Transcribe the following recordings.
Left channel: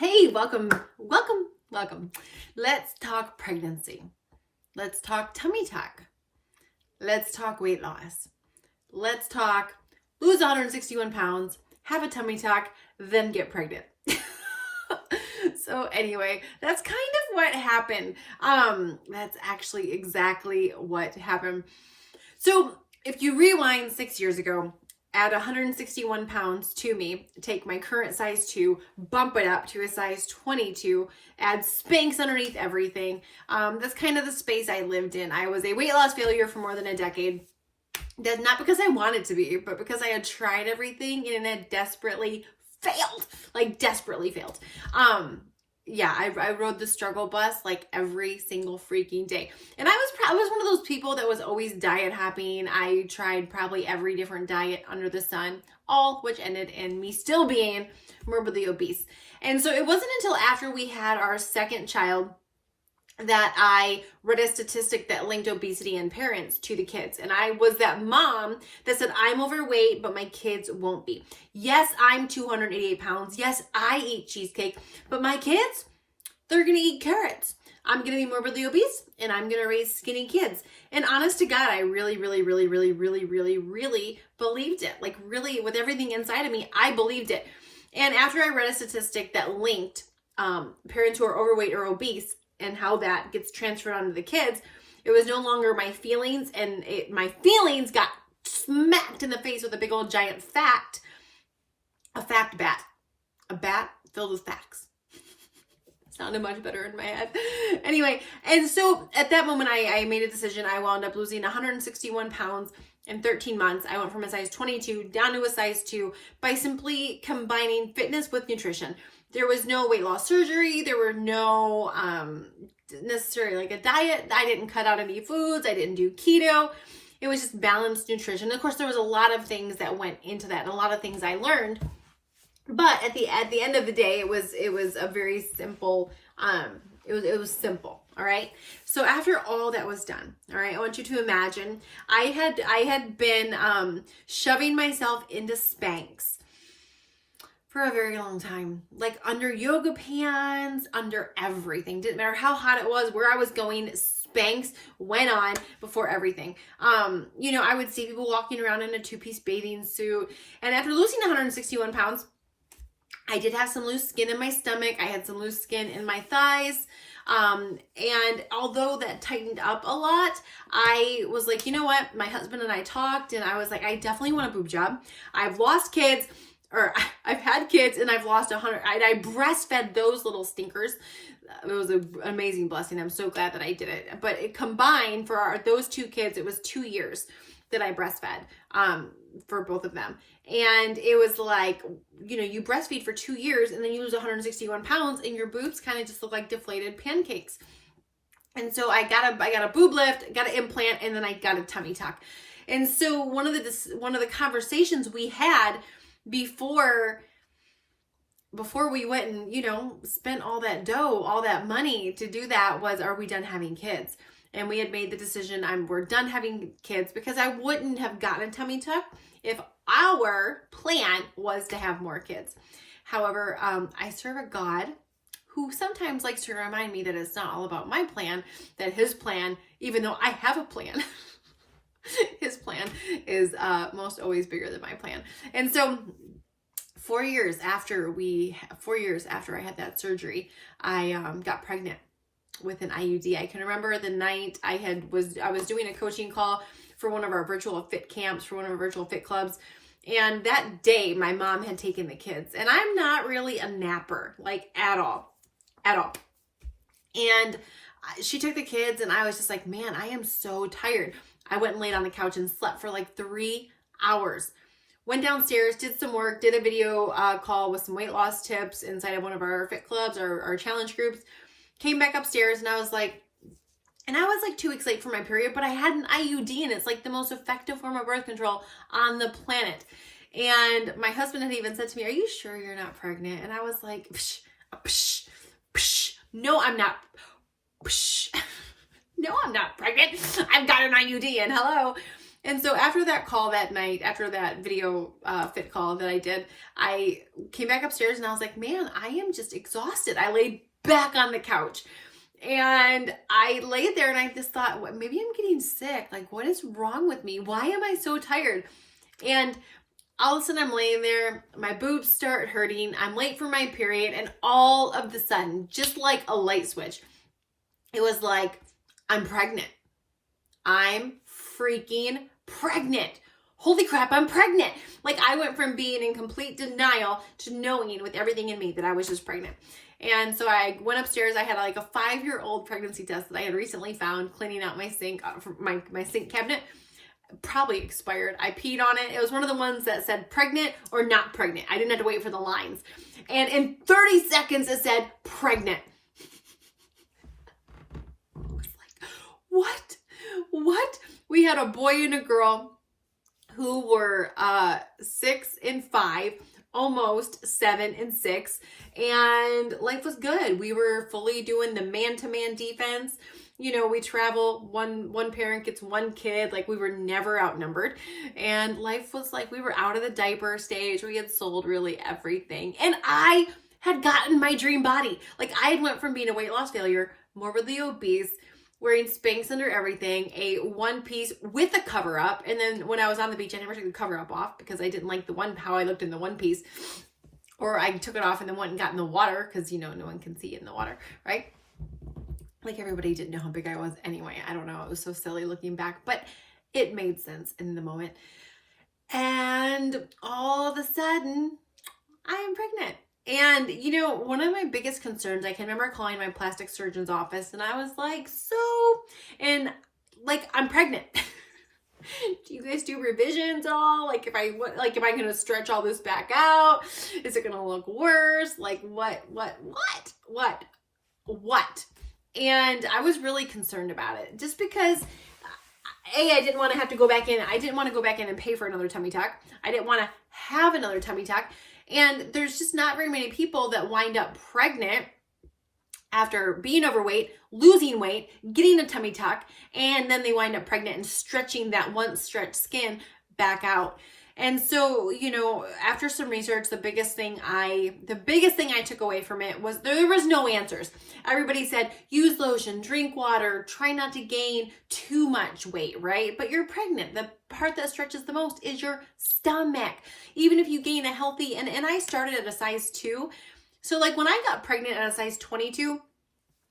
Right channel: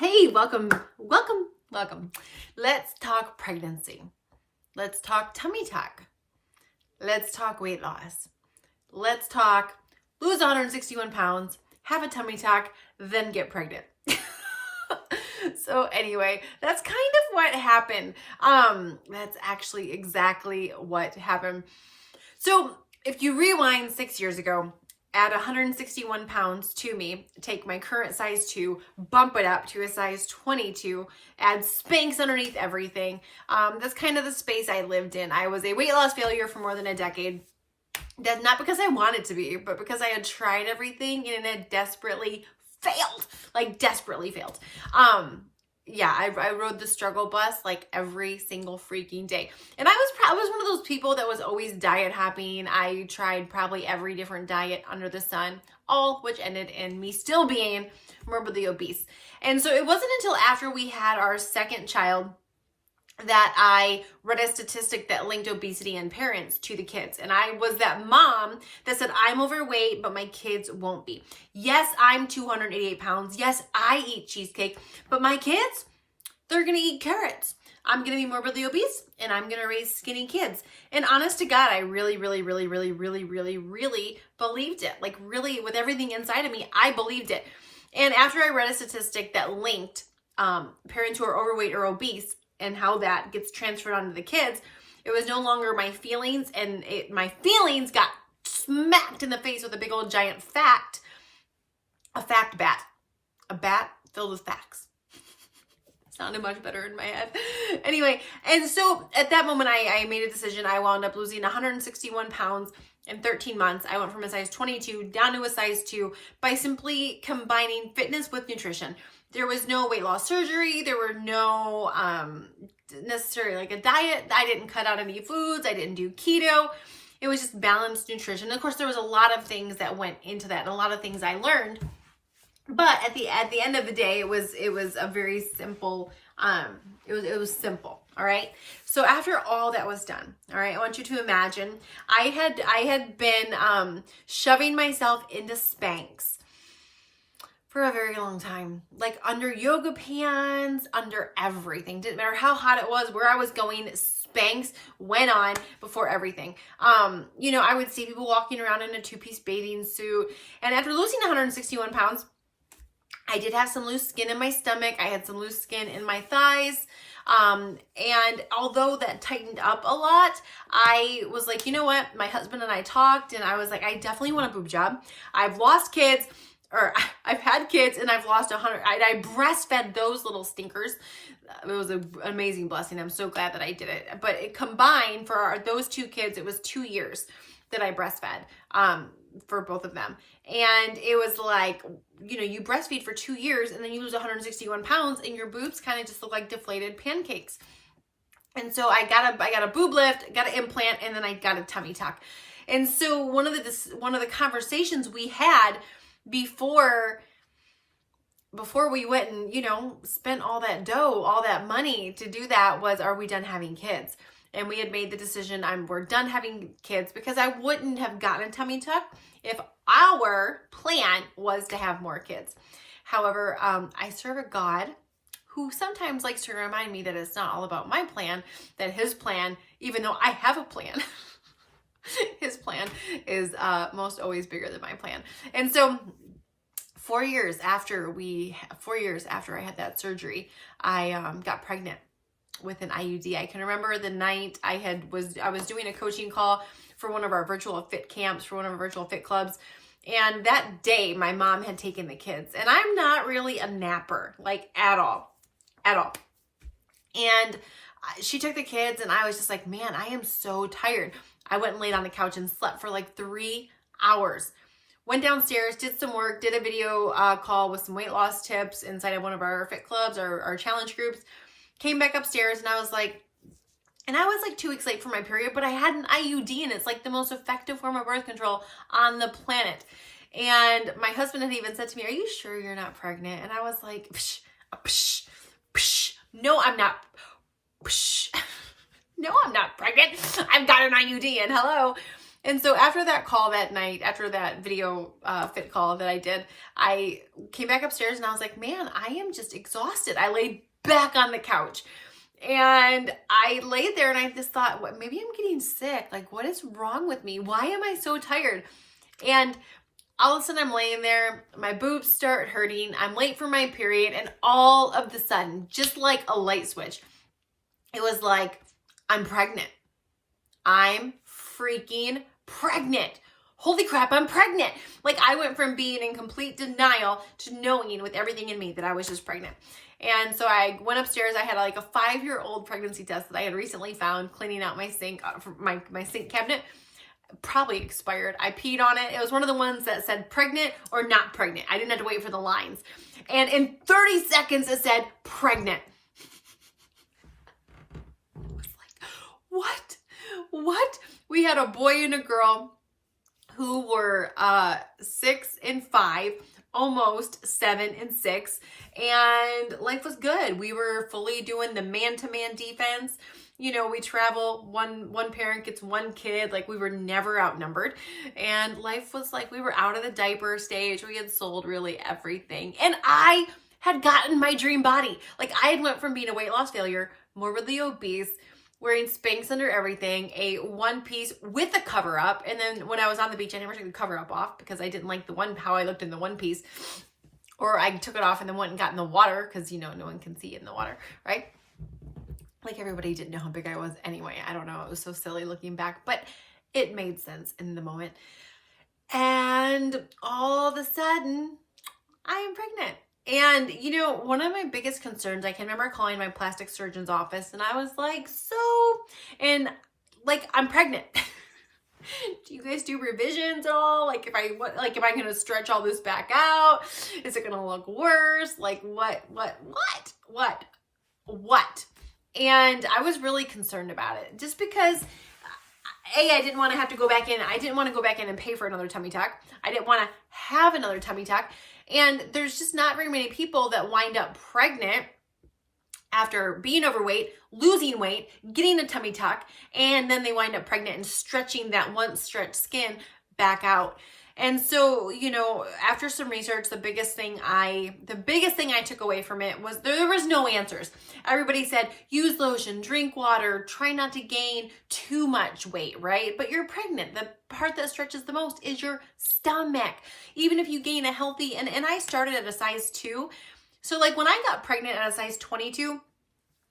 Hey, welcome. Let's talk pregnancy. Let's talk tummy tuck. Let's talk weight loss. Let's talk lose 161 pounds, have a tummy tuck, then get pregnant. So anyway, that's kind of what happened. That's actually exactly what happened. So if you rewind 6 years ago, add 161 pounds to me, take my current size 2, bump it up to a size 22, add Spanx underneath everything. That's kind of the space I lived in. I was a weight loss failure for more than a decade. That's not because I wanted to be, but because I had tried everything and it desperately failed. Yeah, I rode the struggle bus like every single freaking day. And I was one of those people that was always diet hopping. I tried probably every different diet under the sun, all which ended in me still being morbidly obese. And so it wasn't until after we had our second child that I read a statistic that linked obesity in parents to the kids. And I was that mom that said, I'm overweight, but my kids won't be. Yes, I'm 288 pounds. Yes, I eat cheesecake, but my kids, they're going to eat carrots. I'm going to be morbidly obese and I'm going to raise skinny kids. And honest to God, I really believed it. Like really with everything inside of me, I believed it. And after I read a statistic that linked parents who are overweight or obese and how that gets transferred onto the kids, it was no longer my feelings, and my feelings got smacked in the face with a big old giant fact, a fact bat, a bat filled with facts. Sounded much better in my head. Anyway, and so at that moment, I made a decision. I wound up losing 161 pounds in 13 months. I went from a size 22 down to a size 2 by simply combining fitness with nutrition. There was no weight loss surgery. There were no necessarily like a diet. I didn't cut out any foods. I didn't do keto. It was just balanced nutrition. Of course, there was a lot of things that went into that and a lot of things I learned. But at the end of the day, it was a very simple, it was simple. All right. So after all that was done, all right, I want you to imagine I had been shoving myself into Spanx for a very long time, like under yoga pants, under everything. Didn't matter how hot it was, where I was going, Spanx went on before everything. I would see people walking around in a 2-piece bathing suit. And after losing 161 pounds, I did have some loose skin in my stomach. I had some loose skin in my thighs. And although that tightened up a lot, I was like, you know what? My husband and I talked and I was like, I definitely want a boob job. I've lost kids, or I've had kids and I've lost 100. I breastfed those little stinkers. It was an amazing blessing. I'm so glad that I did it. But it combined for those 2 kids, it was 2 years that I breastfed for both of them. And it was like, you breastfeed for 2 years and then you lose 161 pounds and your boobs kind of just look like deflated pancakes. And so I got a boob lift, got an implant, and then I got a tummy tuck. And so one of the conversations we had before we went and, spent all that dough, all that money to do that was, are we done having kids? And we had made the decision, we're done having kids, because I wouldn't have gotten a tummy tuck if our plan was to have more kids. However, I serve a God who sometimes likes to remind me that it's not all about my plan, that his plan, even though I have a plan, his plan is most always bigger than my plan. And so 4 years after I had that surgery, I got pregnant with an IUD. I can remember the night I was doing a coaching call for one of our virtual fit camps, for one of our virtual fit clubs. And that day my mom had taken the kids, and I'm not really a napper, like at all. And she took the kids and I was just like, man, I am so tired. I went and laid on the couch and slept for like 3 hours. Went downstairs, did some work, did a video call with some weight loss tips inside of one of our fit clubs, our challenge groups. Came back upstairs and I was like 2 weeks late for my period, but I had an IUD and it's like the most effective form of birth control on the planet. And my husband had even said to me, are you sure you're not pregnant? And I was like, psh, psh, psh. No, I'm not. Psh. No, I'm not pregnant. I've got an IUD and hello. And so after that call that night, after that video fit call that I did, I came back upstairs and I was like, man, I am just exhausted. I laid back on the couch and I laid there and I just thought, what, maybe I'm getting sick. Like, what is wrong with me? Why am I so tired? And all of a sudden I'm laying there, my boobs start hurting, I'm late for my period, and all of a sudden, just like a light switch, it was like, I'm pregnant. I'm freaking pregnant. Holy crap, I'm pregnant. Like, I went from being in complete denial to knowing with everything in me that I was just pregnant. And so I went upstairs. I had like a 5-year-old pregnancy test that I had recently found cleaning out my sink, my sink cabinet. Probably expired. I peed on it. It was one of the ones that said pregnant or not pregnant. I didn't have to wait for the lines. And in 30 seconds, it said pregnant. I was like, what? We had a boy and a girl who were 6 and 5, almost 7 and 6, and life was good. We were fully doing the man-to-man defense. You know, we travel, one parent gets one kid, like we were never outnumbered. And life was like, we were out of the diaper stage. We had sold really everything. And I had gotten my dream body. Like, I had went from being a weight loss failure, morbidly obese, wearing Spanx under everything, a one piece with a cover up. And then when I was on the beach, I never took the cover up off because I didn't like how I looked in the one piece. Or I took it off and then went and got in the water because, you know, no one can see in the water, right? Like, everybody didn't know how big I was anyway. I don't know. It was so silly looking back, but it made sense in the moment. And all of a sudden, I am pregnant. And, you know, one of my biggest concerns, I can remember calling my plastic surgeon's office and I was like, I'm pregnant. Do you guys do revisions at all? Like, am I going to stretch all this back out? Is it going to look worse? Like, what? And I was really concerned about it just because I didn't want to have to go back in. I didn't want to go back in and pay for another tummy tuck. I didn't want to have another tummy tuck. And there's just not very many people that wind up pregnant after being overweight, losing weight, getting a tummy tuck, and then they wind up pregnant and stretching that once stretched skin back out. And so, you know, after some research, the biggest thing I took away from it was there was no answers. Everybody said, use lotion, drink water, try not to gain too much weight, right? But you're pregnant. The part that stretches the most is your stomach. Even if you gain a healthy, and I started at a size 2. So like when I got pregnant at a size 22,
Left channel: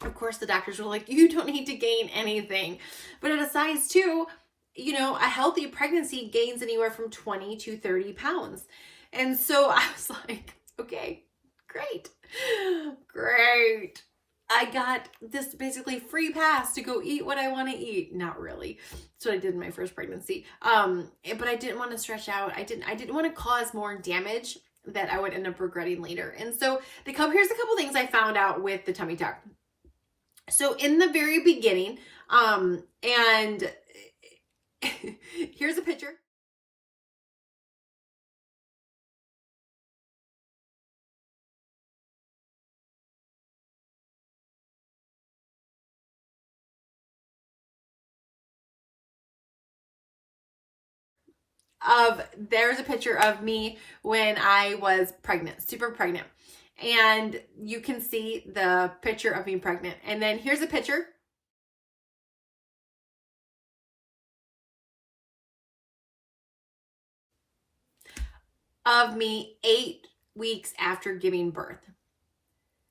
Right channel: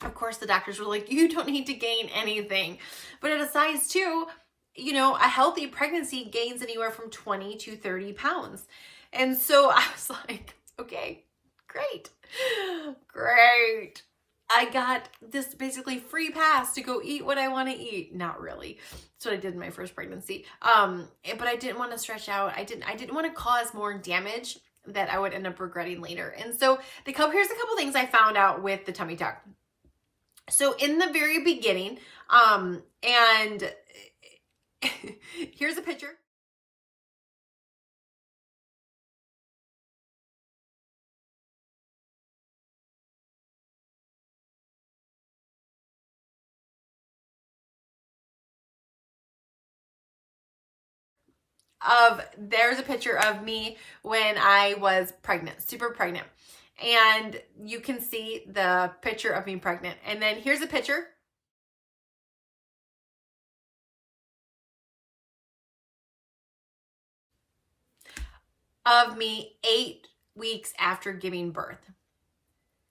of course the doctors were like, you don't need to gain anything. But at a size 2, you know, a healthy pregnancy gains anywhere from 20 to 30 pounds. And so I was like, okay, great. I got this basically free pass to go eat what I want to eat. Not really. That's what I did in my first pregnancy. But I didn't want to stretch out. I didn't want to cause more damage that I would end up regretting later. And so here's a couple things I found out with the tummy tuck. So in the very beginning, and here's a picture. There's a picture of me when I was pregnant, super pregnant. And you can see the picture of me pregnant. And then here's a picture of me 8 weeks after giving birth.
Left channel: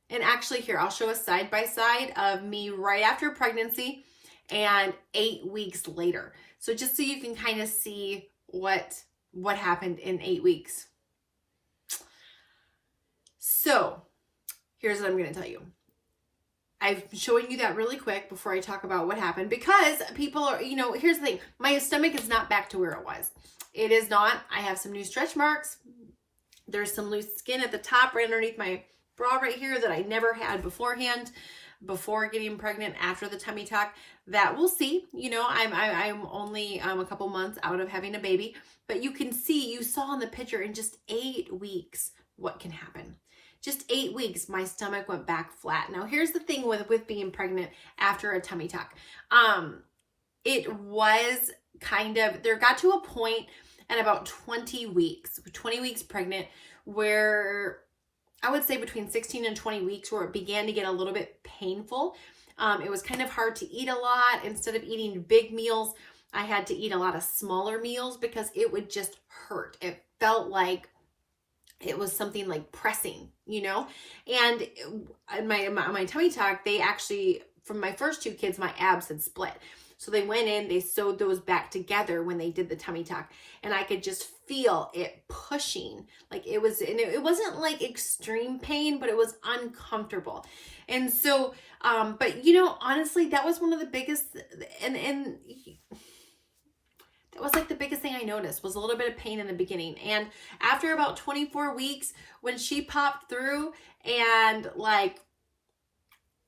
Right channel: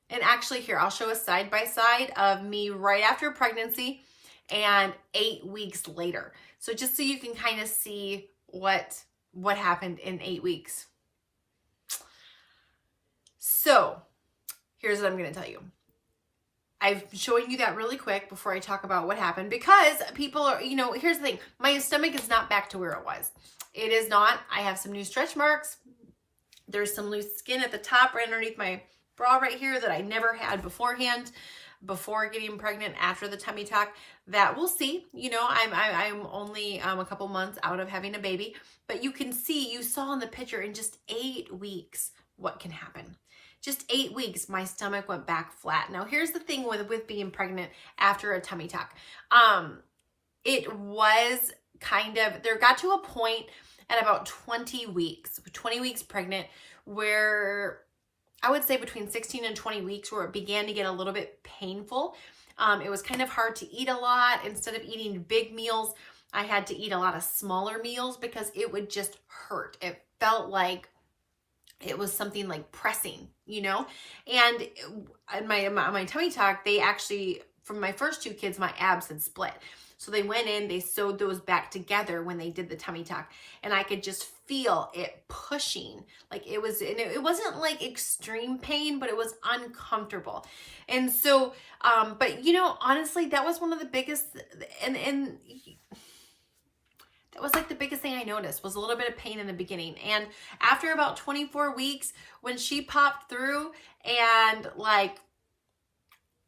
And actually here, I'll show a side by side of me right after pregnancy and 8 weeks later. So just so you can kind of see what happened in 8 weeks. So here's what I'm going to tell you. I'm showing you that really quick before I talk about what happened because people are, you know, here's the thing. My stomach is not back to where it was. It is not. I have some new stretch marks. There's some loose skin at the top right underneath my bra right here that I never had beforehand, before getting pregnant, after the tummy tuck. That we'll see. You know, I'm only a couple months out of having a baby, but you can see, you saw in the picture, in just 8 weeks what can happen. Just 8 weeks, my stomach went back flat. Now, here's the thing with being pregnant after a tummy tuck. It was there got to a point at about 20 weeks pregnant, where I would say between 16 and 20 weeks, where it began to get a little bit painful. It was kind of hard to eat a lot. Instead of eating big meals, I had to eat a lot of smaller meals because it would just hurt. It felt like it was something like pressing, you know? And my tummy tuck, they actually, from my first two kids, my abs had split. So they went in, they sewed those back together when they did the tummy tuck, and I could just feel it pushing. Like it was, and it wasn't like extreme pain, but it was uncomfortable. And so, but you know, honestly, that was one of the biggest, and that was like the biggest thing I noticed was a little bit of pain in the beginning. And after about 24 weeks, when she popped through and like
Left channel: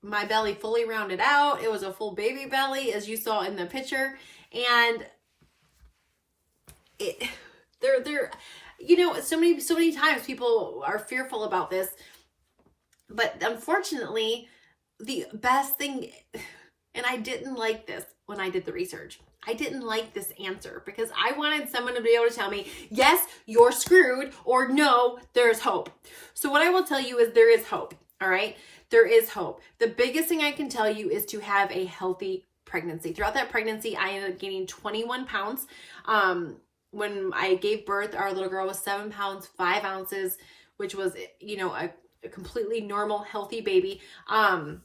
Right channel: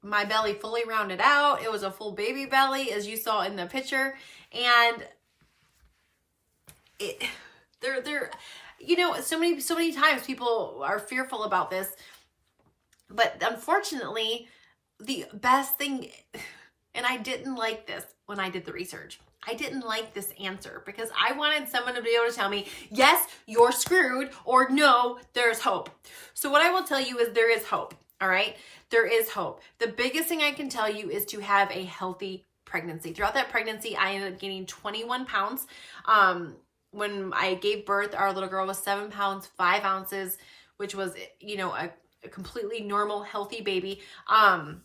my belly fully rounded out, it was a full baby belly, as you saw in the picture. And you know, so many times people are fearful about this, but unfortunately, the best thing, and I didn't like this when I did the research. I didn't like this answer because I wanted someone to be able to tell me, yes, you're screwed, or no, there's hope. So what I will tell you is there is hope. All right. There is hope. The biggest thing I can tell you is to have a healthy pregnancy. Throughout that pregnancy, I ended up gaining 21 pounds. When I gave birth, our little girl was 7 pounds, 5 ounces, which was, you know, a completely normal, healthy baby. But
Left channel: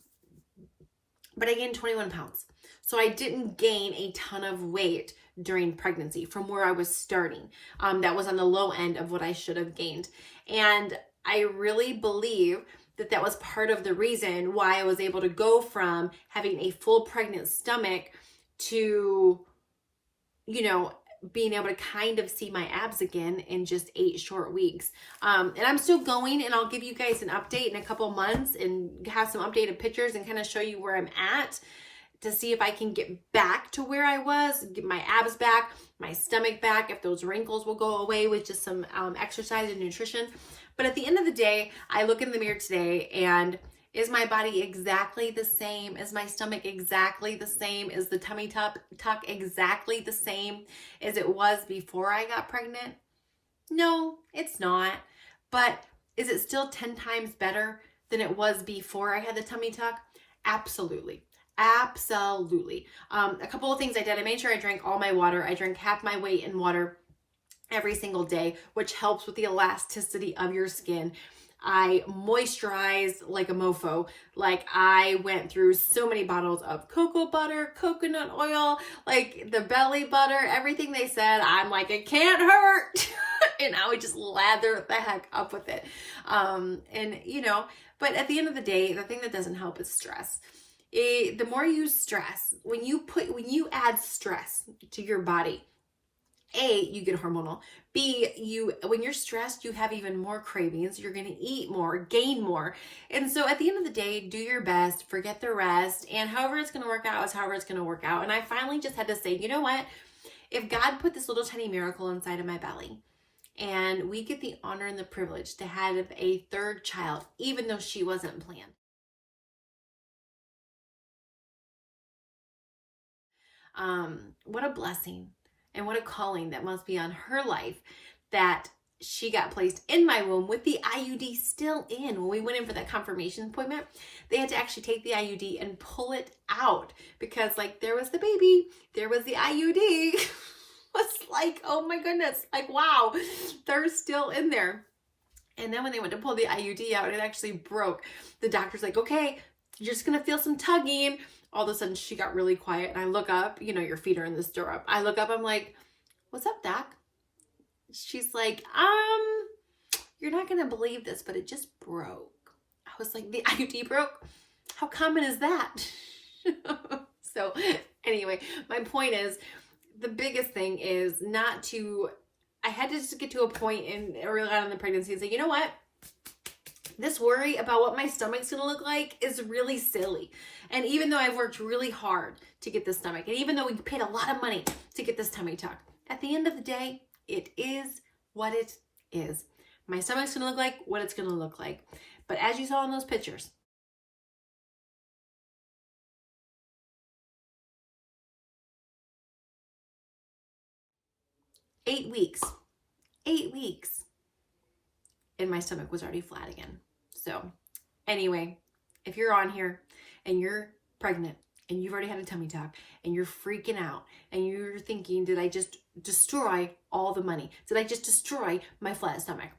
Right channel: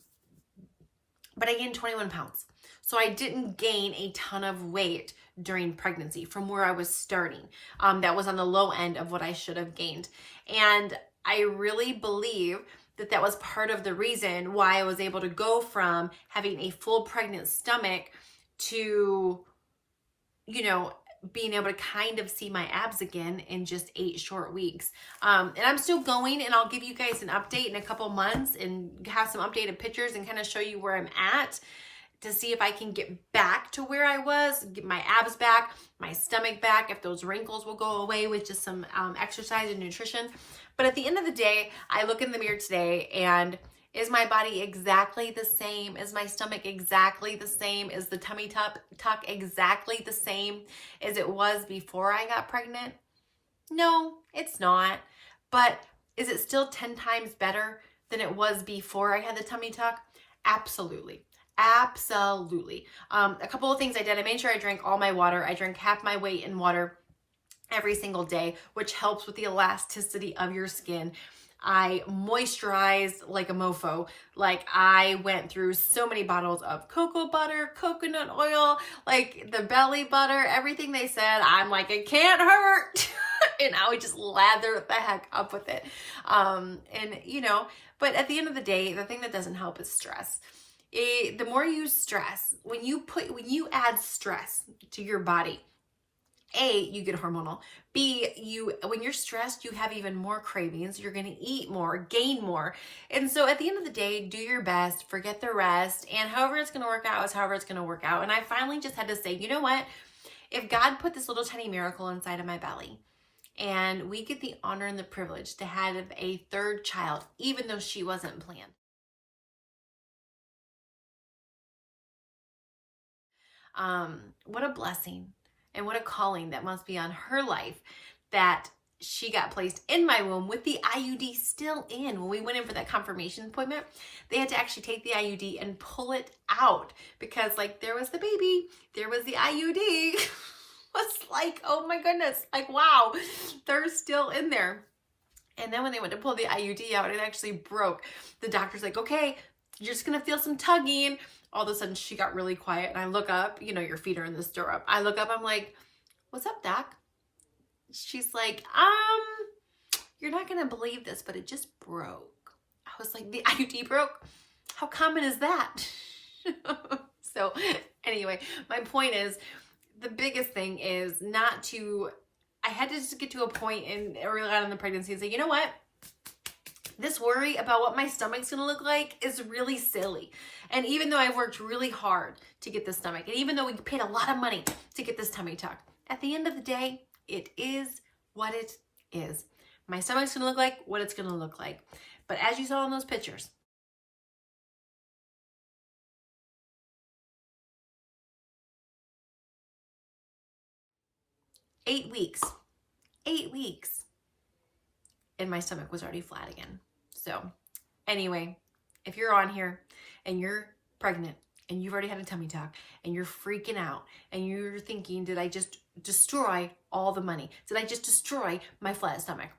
I gained 21 pounds. So I didn't gain a ton of weight during pregnancy from where I was starting. That was on the low end of what I should have gained. And I really believe that that was part of the reason why I was able to go from having a full pregnant stomach to, you know, being able to kind of see my abs again in just 8 short weeks. And I'm still going, and I'll give you guys an update in a couple months and have some updated pictures and kind of show you where I'm at, to see if I can get back to where I was, get my abs back, my stomach back, if those wrinkles will go away with just some exercise and nutrition. But at the end of the day, I look in the mirror today, and is my body exactly the same? Is my stomach exactly the same? Is the tummy tuck exactly the same as it was before I got pregnant? No, it's not. But is it still 10 times better than it was before I had the tummy tuck? Absolutely. Absolutely. A couple of things I did. I made sure I drank all my water. I drank half my weight in water every single day, which helps with the elasticity of your skin. I moisturized like a mofo. Like I went through so many bottles of cocoa butter, coconut oil, like the belly butter, everything they said. I'm like, it can't hurt. And I would just lather the heck up with it. And you know, but at the end of the day, the thing that doesn't help is stress. The more you stress, when you add stress to your body, A, you get hormonal. B, when you're stressed, you have even more cravings. You're going to eat more, gain more. And so at the end of the day, do your best, forget the rest. And however it's going to work out is however it's going to work out. And I finally just had to say, you know what? If God put this little tiny miracle inside of my belly, and we get the honor and the privilege to have a third child, even though she wasn't planned. What a blessing and what a calling that must be on her life, that she got placed in my womb with the IUD still in. When we went in for that confirmation appointment, they had to actually take the IUD and pull it out because like there was the baby, there was the IUD. It's like, oh my goodness, like, wow, they're still in there. And then when they went to pull the IUD out, it actually broke. The doctor's like, okay, you're just going to feel some tugging. All of a sudden she got really quiet, and I look up, you know, your feet are in the stirrup. I look up, I'm like, what's up, doc? She's like, you're not going to believe this, but it just broke. I was like, the IUD broke? How common is that? So anyway, my point is, the biggest thing is not to, I had to just get to a point in early on in the pregnancy and say, you know what? This worry about what my stomach's going to look like is really silly. And even though I've worked really hard to get this stomach, and even though we paid a lot of money to get this tummy tuck, at the end of the day, it is what it is. My stomach's going to look like what it's going to look like. But as you saw in those pictures, 8 weeks. 8 weeks. And my stomach was already flat again. So anyway, if you're on here and you're pregnant and you've already had a tummy tuck and you're freaking out and you're thinking, did I just destroy all the money? Did I just destroy my flat stomach?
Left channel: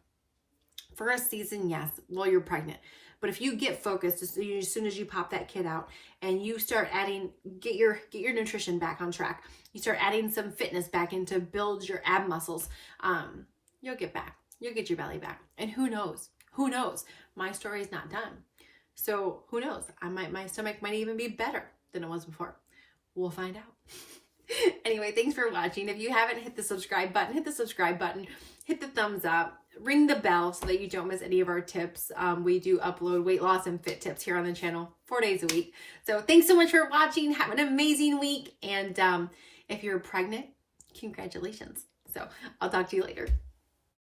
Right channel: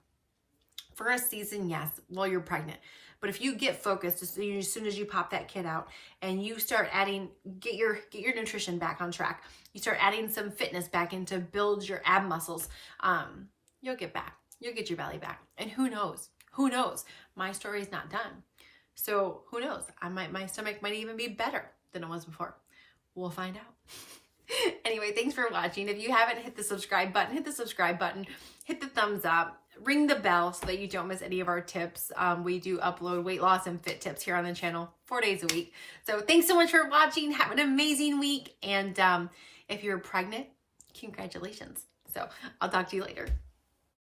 For a season, yes, while you're pregnant. But if you get focused as soon as you pop that kid out and you start adding, get your nutrition back on track, you start adding some fitness back in to build your ab muscles, you'll get back. You'll get your belly back. And who knows? Who knows? My story's not done. So who knows? My stomach might even be better than it was before. We'll find out. Anyway, thanks for watching. If you haven't hit the subscribe button, hit the subscribe button, hit the thumbs up, ring the bell so that you don't miss any of our tips. We do upload weight loss and fit tips here on the channel 4 days a week. So thanks so much for watching. Have an amazing week. And if you're pregnant, congratulations. So I'll talk to you later.